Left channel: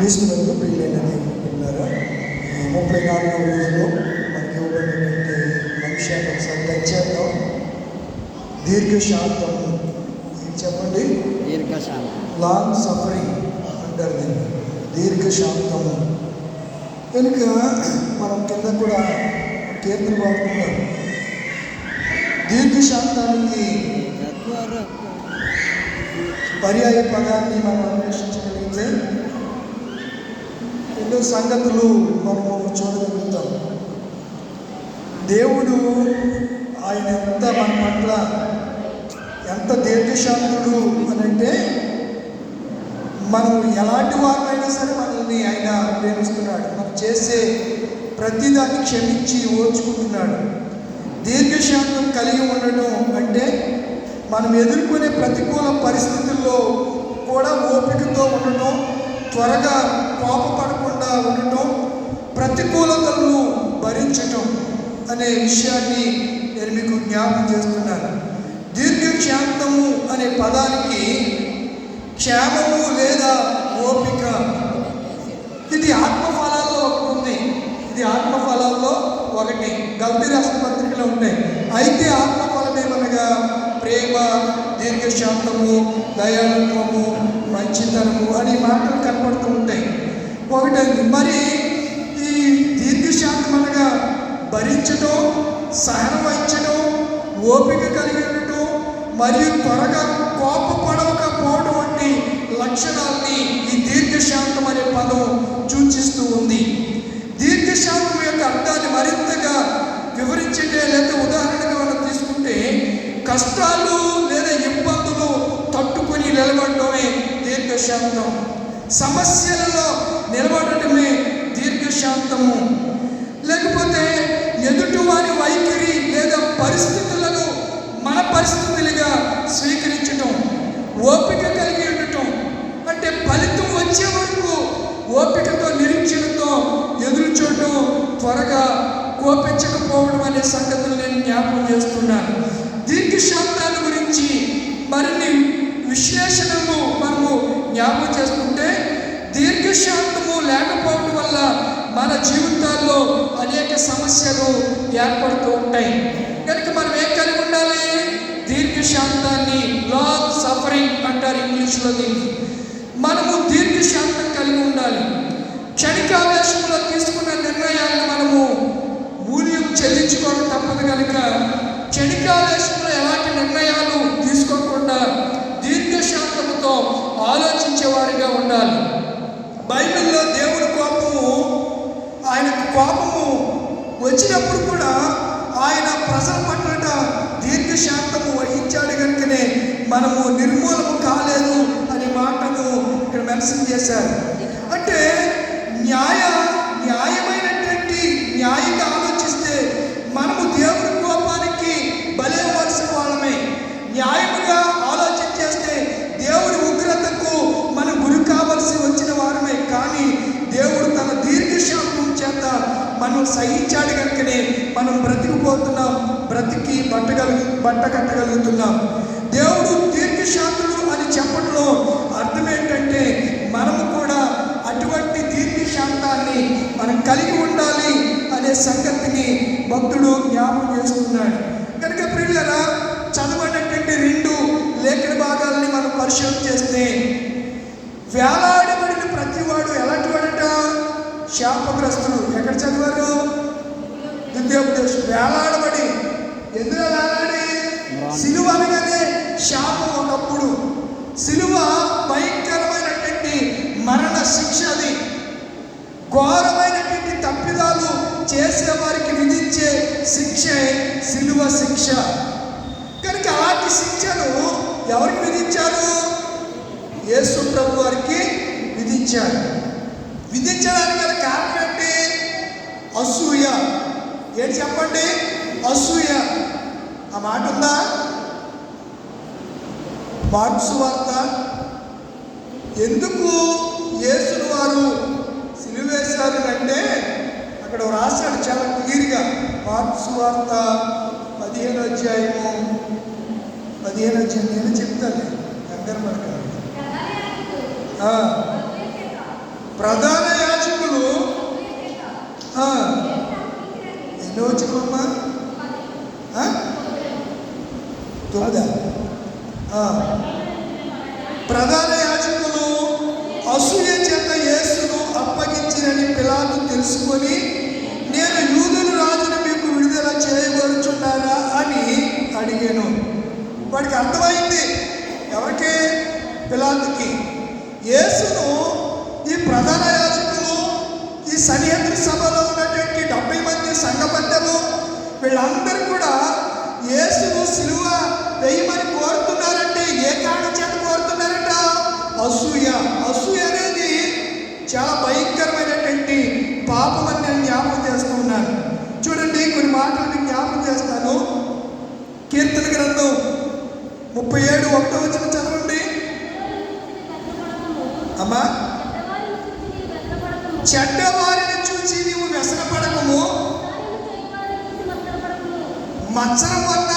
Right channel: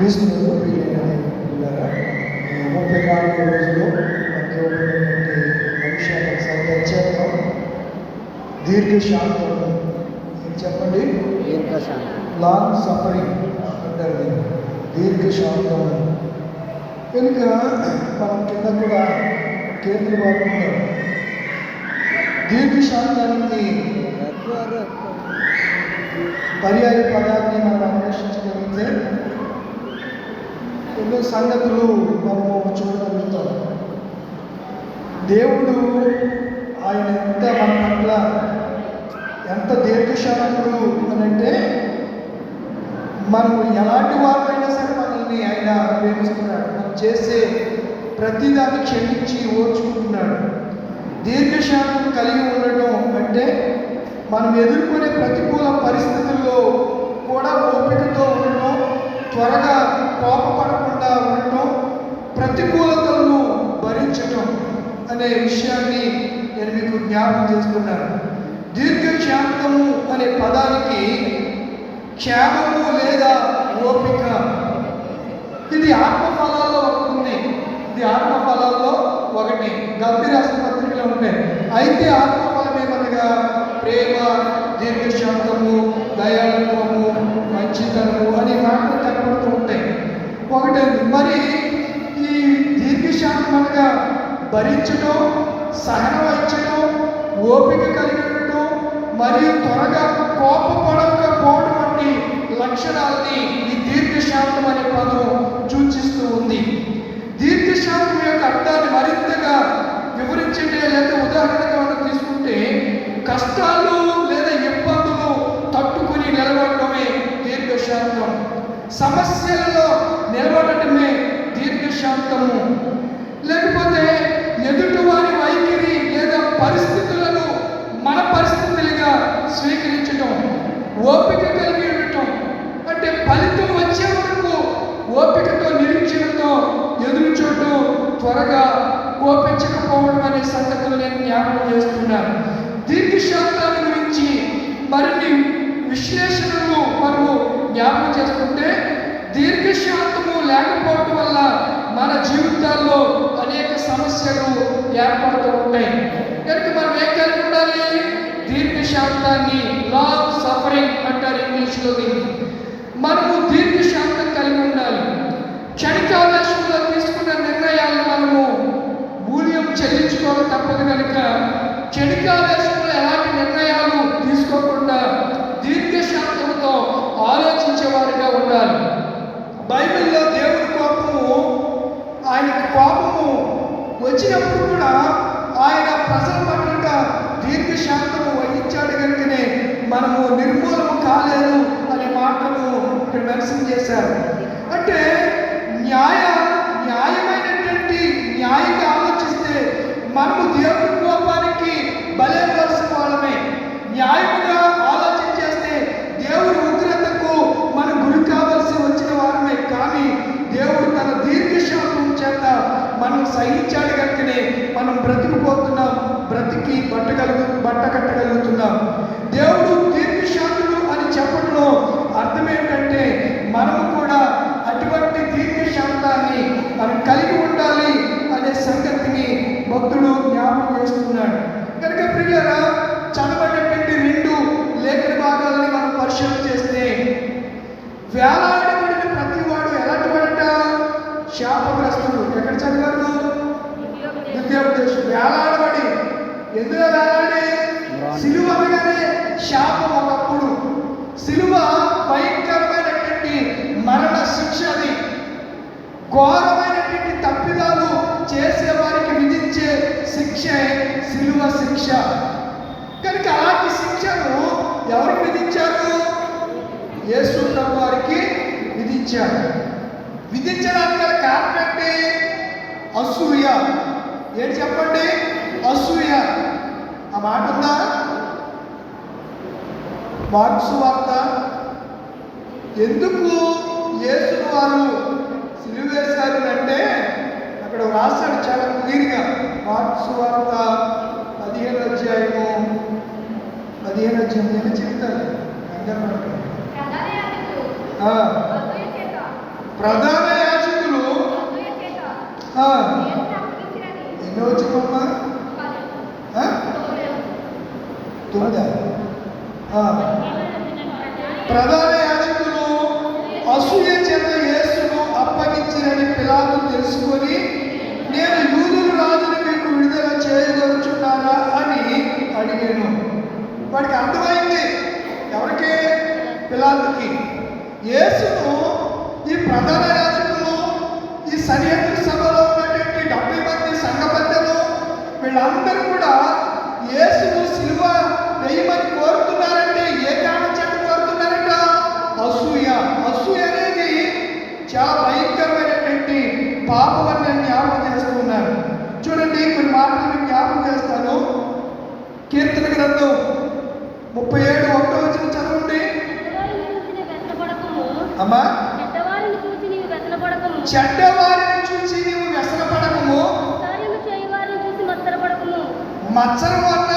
క్రీస్తు ప్రియులైన ముప్పై నాలుగో రోజులు మనకి ఇవ్వబడినటువంటి మనుషులకు సందేహం చేద్దాం. దీర్ఘశాంతం చెప్పండి? లాంగ్ సఫరింగ్ అంటారు దీన్ని దీర్ఘశాంతం కనుక మనం కింద కూడా కేంద్ర వాడుకున్నాం దీర్ఘశాంతానికి పర్యాయ పదాలు సంగతులు మనము సమస్యలు ఏర్పడుతూ ఉంటాయి కనుక మనం ఏం కలిగి ఉండాలి దీర్ఘశాంతాన్ని లాంగ్ సఫరింగ్ అంటారు ఇంగ్లీష్లో దీన్ని శిలువ శిక్ష. కనుక అలాంటి శిక్షను ఎవరికి విధించారు? యేసు ప్రభు వారికి విధించారు. విధించడానికి గల కారణం ఏంటి అసూయ. ఏంటి చెప్పండి? అసూయ. ఆ మాట ఉందా? మార్క్స్ వార్త. ఎందుకు యేసును వారు సిలువేశారు అంటే అక్కడ రాశాడు చాలా క్లియర్గా. మార్క్స్ పదిహేను అధ్యాయము పదిహేను అధ్యాయం నేను చెప్తాను కంగారు ప్రధాన యాజకులు ఎన్ని వచ్చినమ్మా తొమ్మిదా. ప్రధాన বাচ্চারা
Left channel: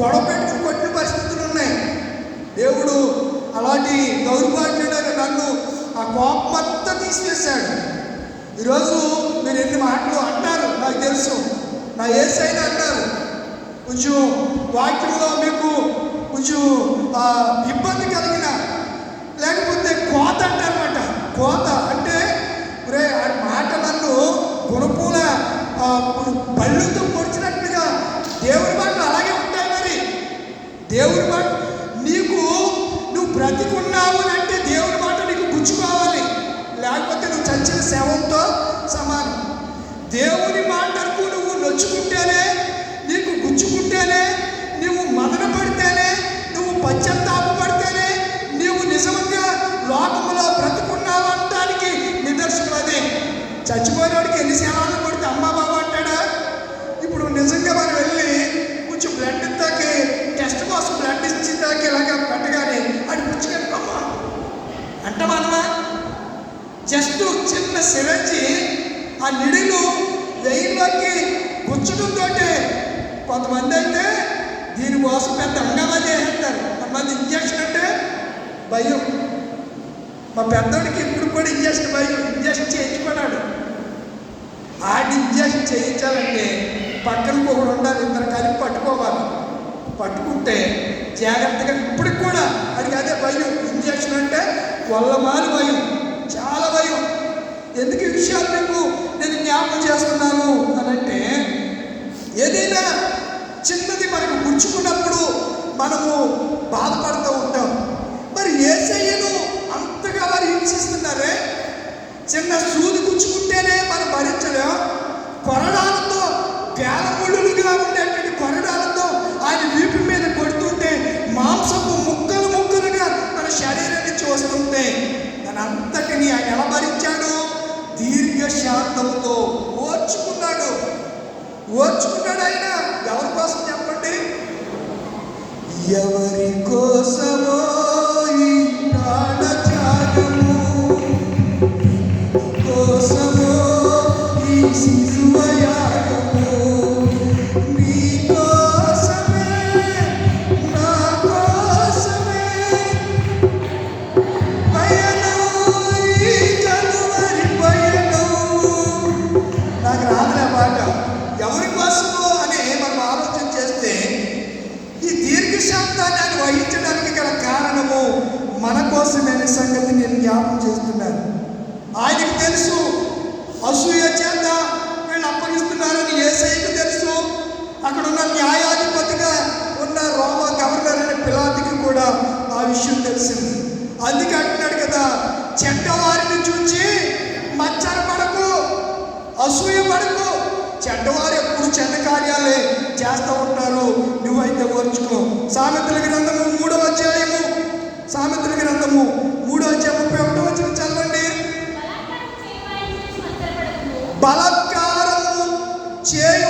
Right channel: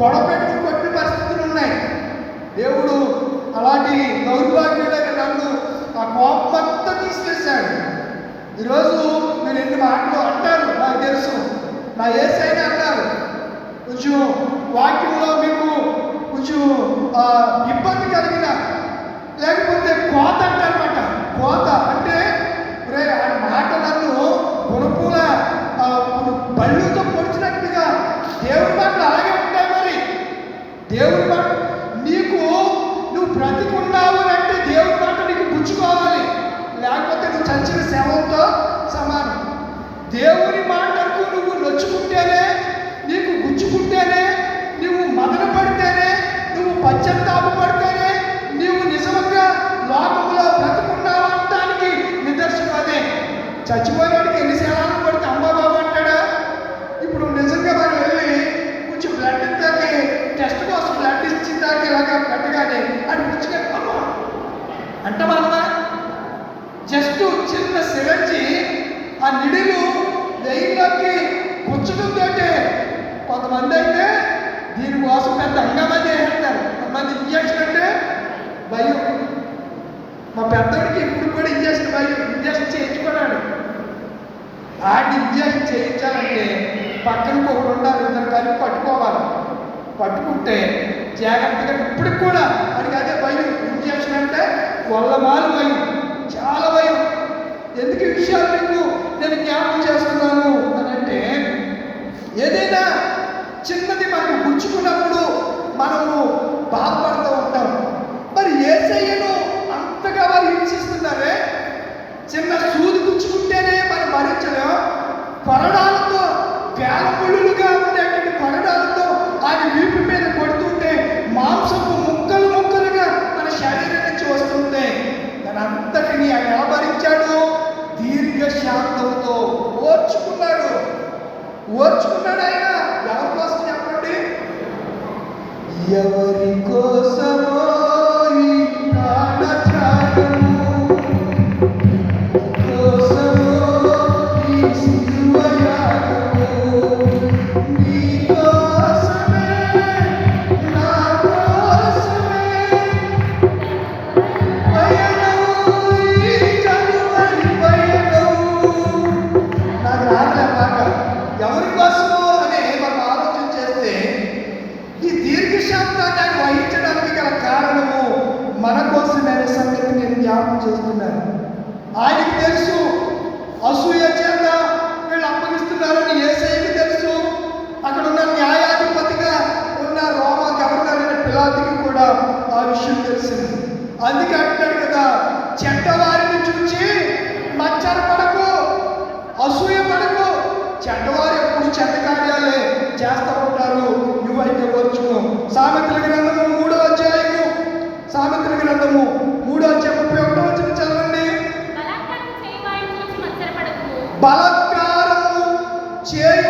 గొడపెట్టుకు కొట్టిన పరిస్థితులు ఉన్నాయి? దేవుడు అలాంటి దౌర్భాగ్యుడైన నన్ను ఆ కోపం అంతా తీసివేశాడు. ఈరోజు మీరు ఎన్ని మాటలు అంటారు? నాకు తెలుసు. నా ఏసైనా అన్నారు. కొంచెం వాక్యంలో మీకు కొంచెం Tirei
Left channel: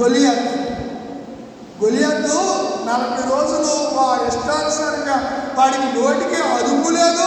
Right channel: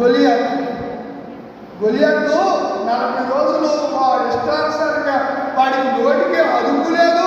గొలియాత్. గొలియాత్ నలభై రోజులు వారు ఇష్టానుసారంగా వాడికి నోటికి అదుపు లేదు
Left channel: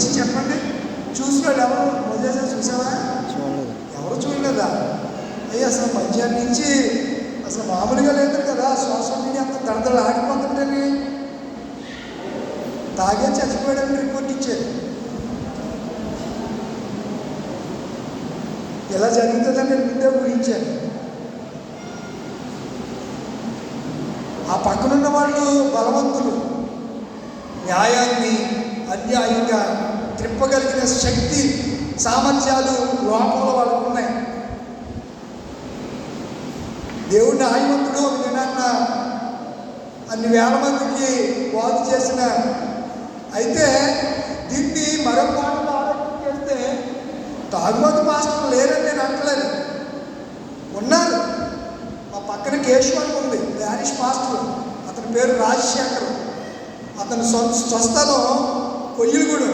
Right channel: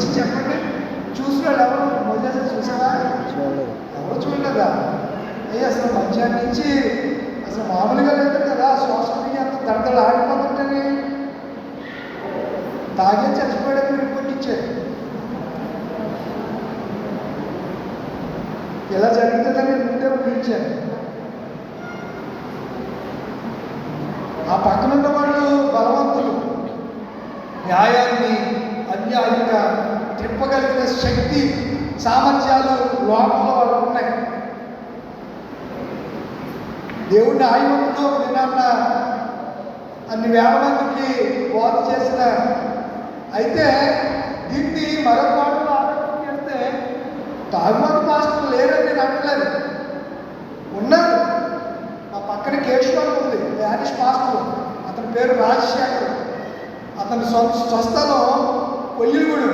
గురించి చెప్పండి. చూసి వెళ్ళాము వదిలేసి చూసావా ఎవరు చూడలేదా? అయ్యా అసలు మధ్యాహ్నం నుంచి అసలు మామూలుగా లేదు కదా. సోషల్ మీడియా అంత దడదలు ఆడిపోతుంటేనే తాగే చచ్చి యజమాని ఉంది హారిష్ మాస్టర్ అతని పేరు రాజశేఖర్. అతని స్వస్థలో కొయ్యలుగుడు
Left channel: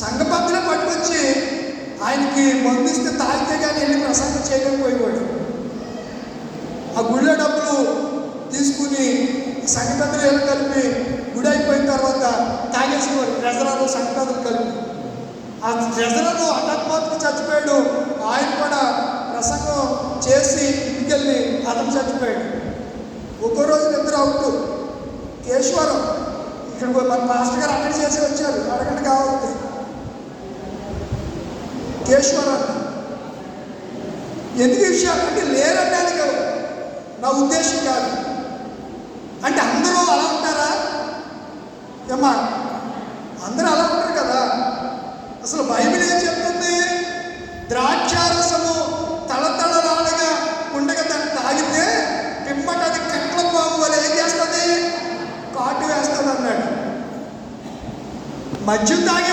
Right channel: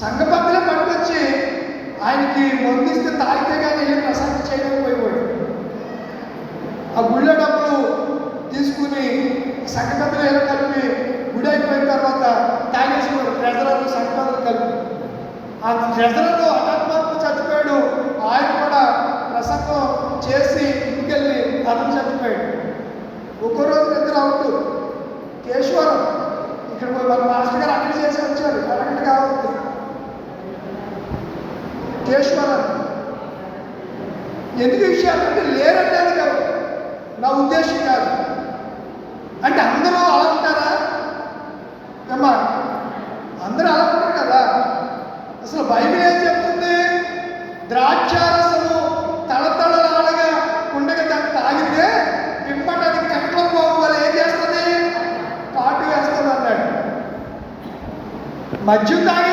సంఘ పట్టుకొచ్చి ఆయనకి మందిస్తే ఏమ్మా అందరూ అలా ఉంటారు కదా. అసలు బైబిల్ ఏం చెప్తుంది? ద్రాక్షారసము తలతళలాడగా ఉండగా దాన్ని తాగితే పిమ్మట అది కట్ల బాబు వాళ్ళు ఏం చేస్తుంది? కాటు వేస్తుంది అన్నాడు మద్యం తాగి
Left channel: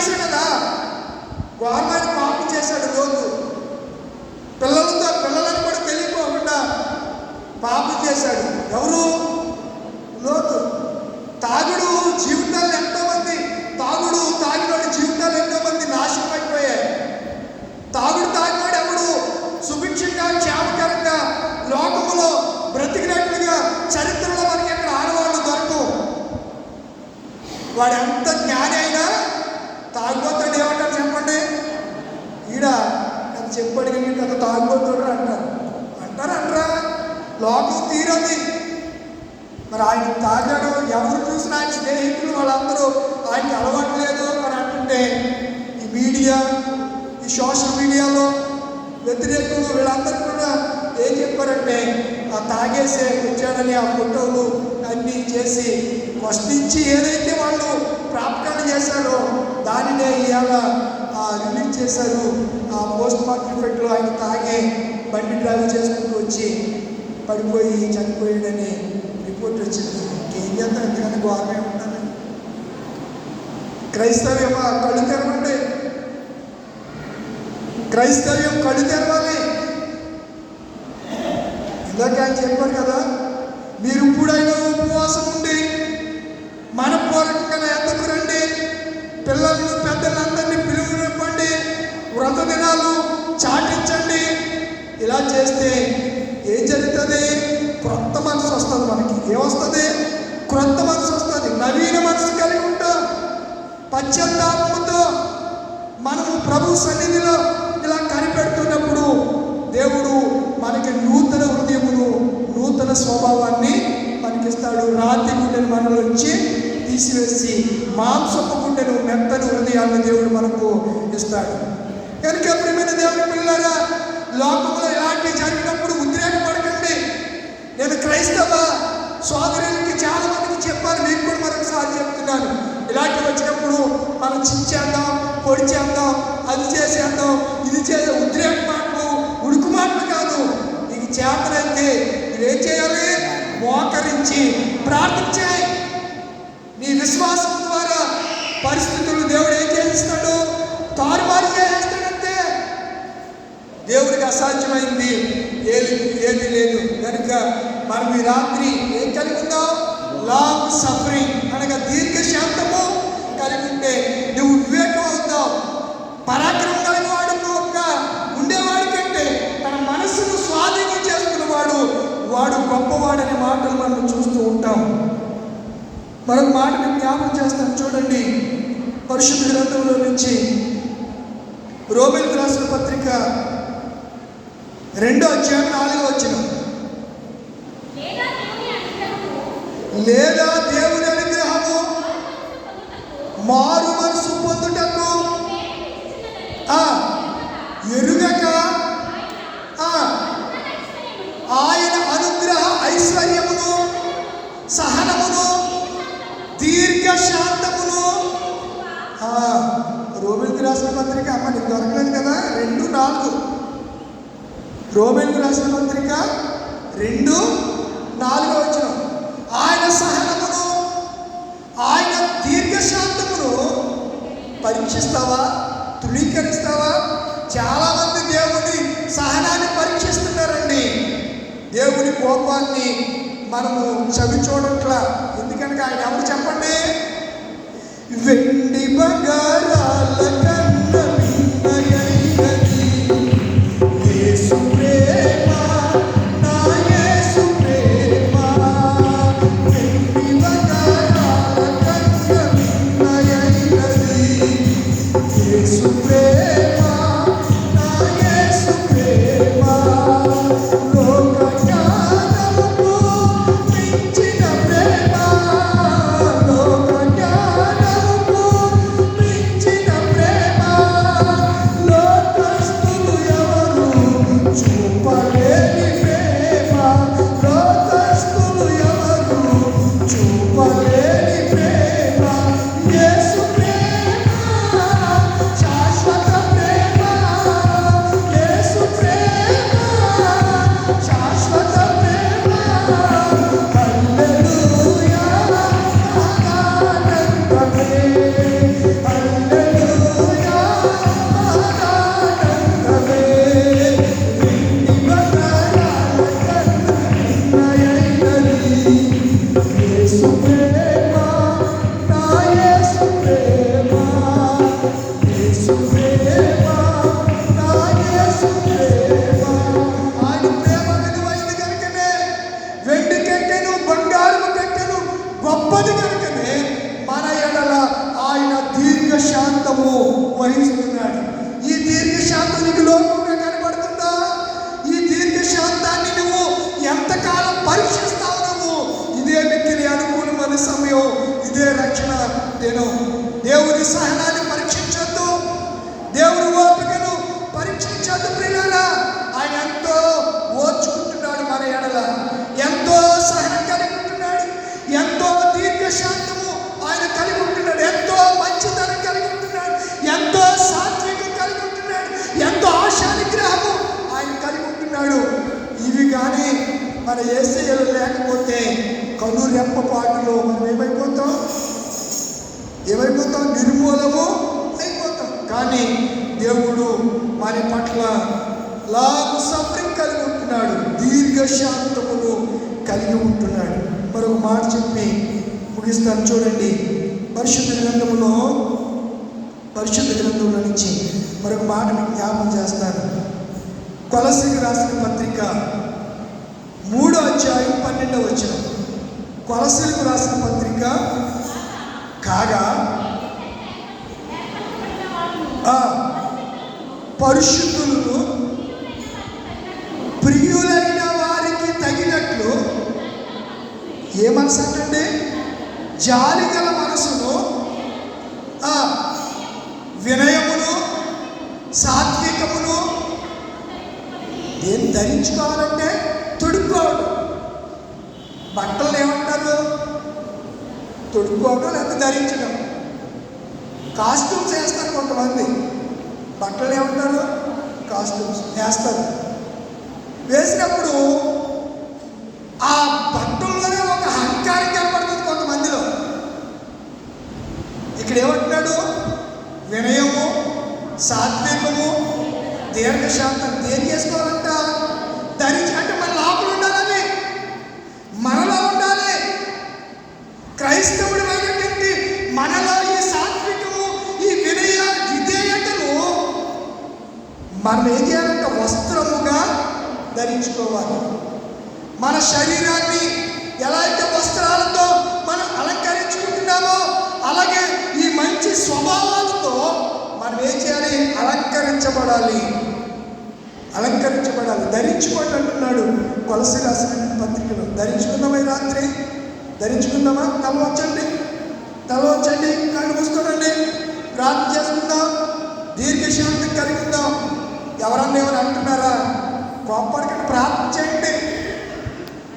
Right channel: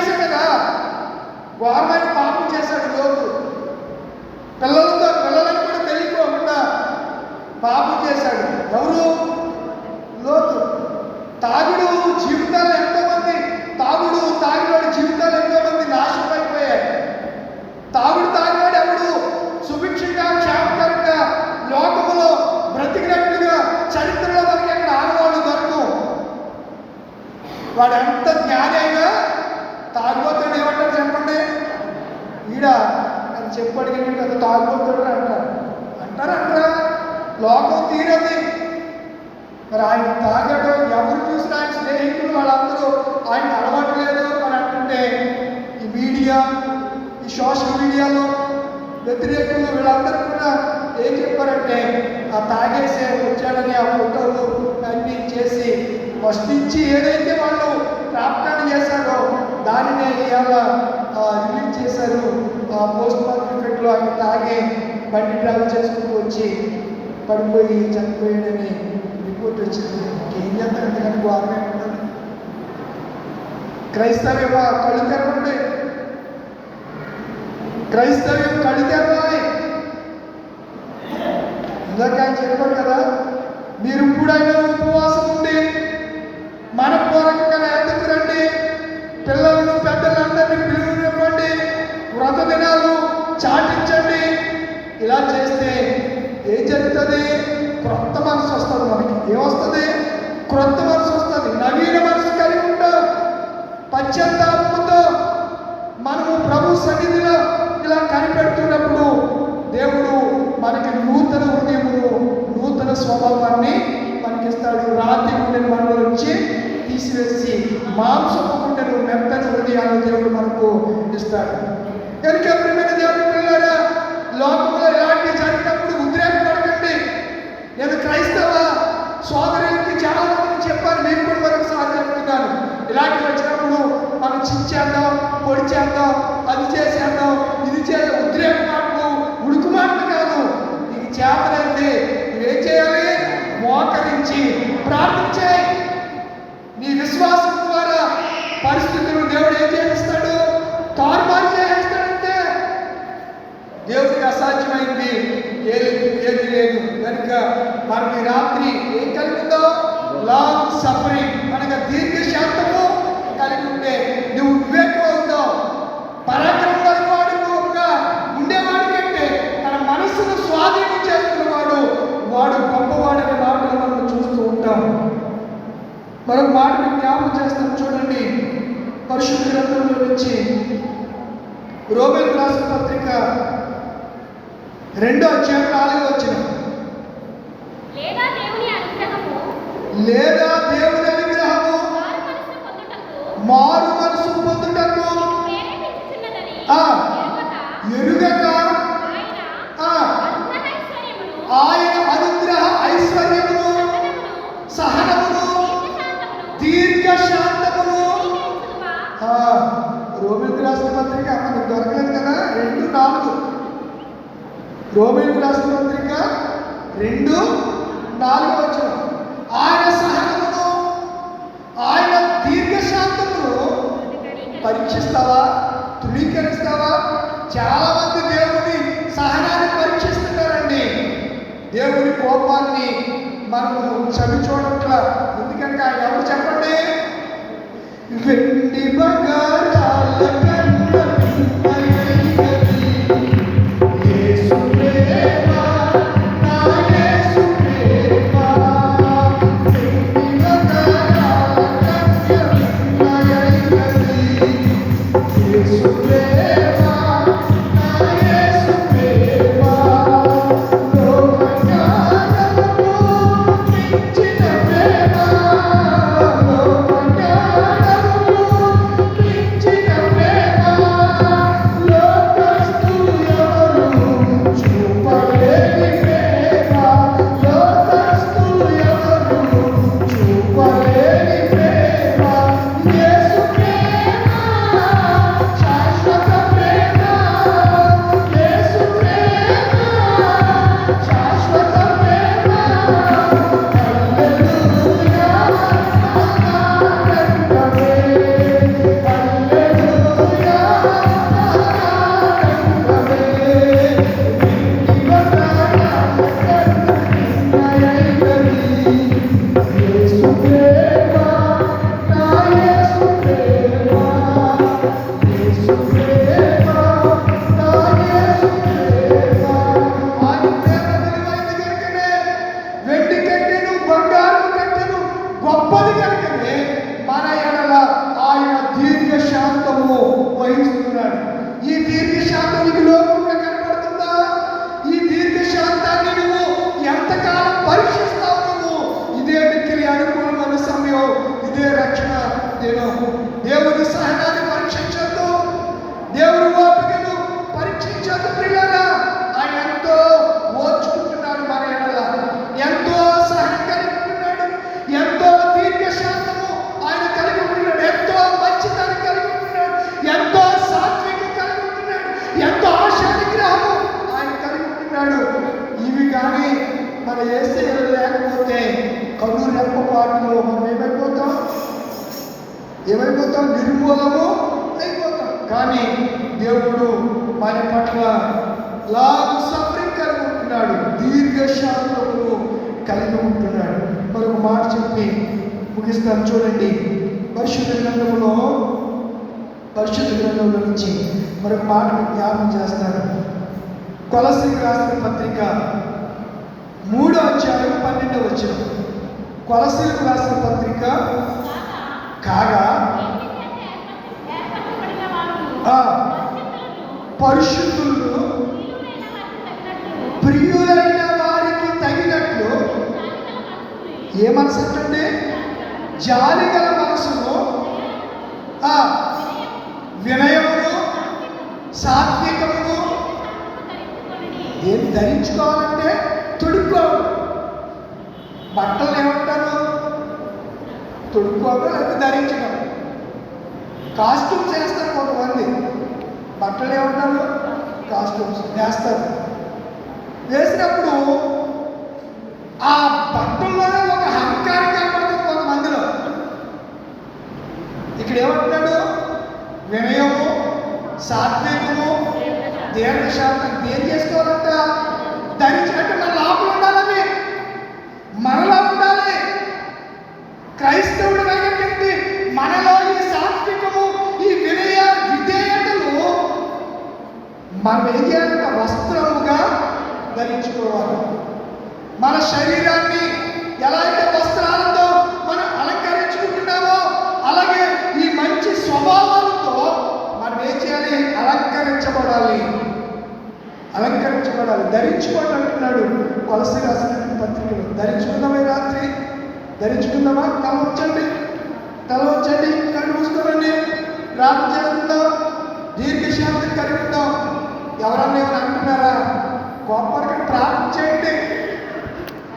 para celebrar Santa tá Trica, caga. సాత్వికము దీర్ఘశాంతం దేని చేసుకోవాలి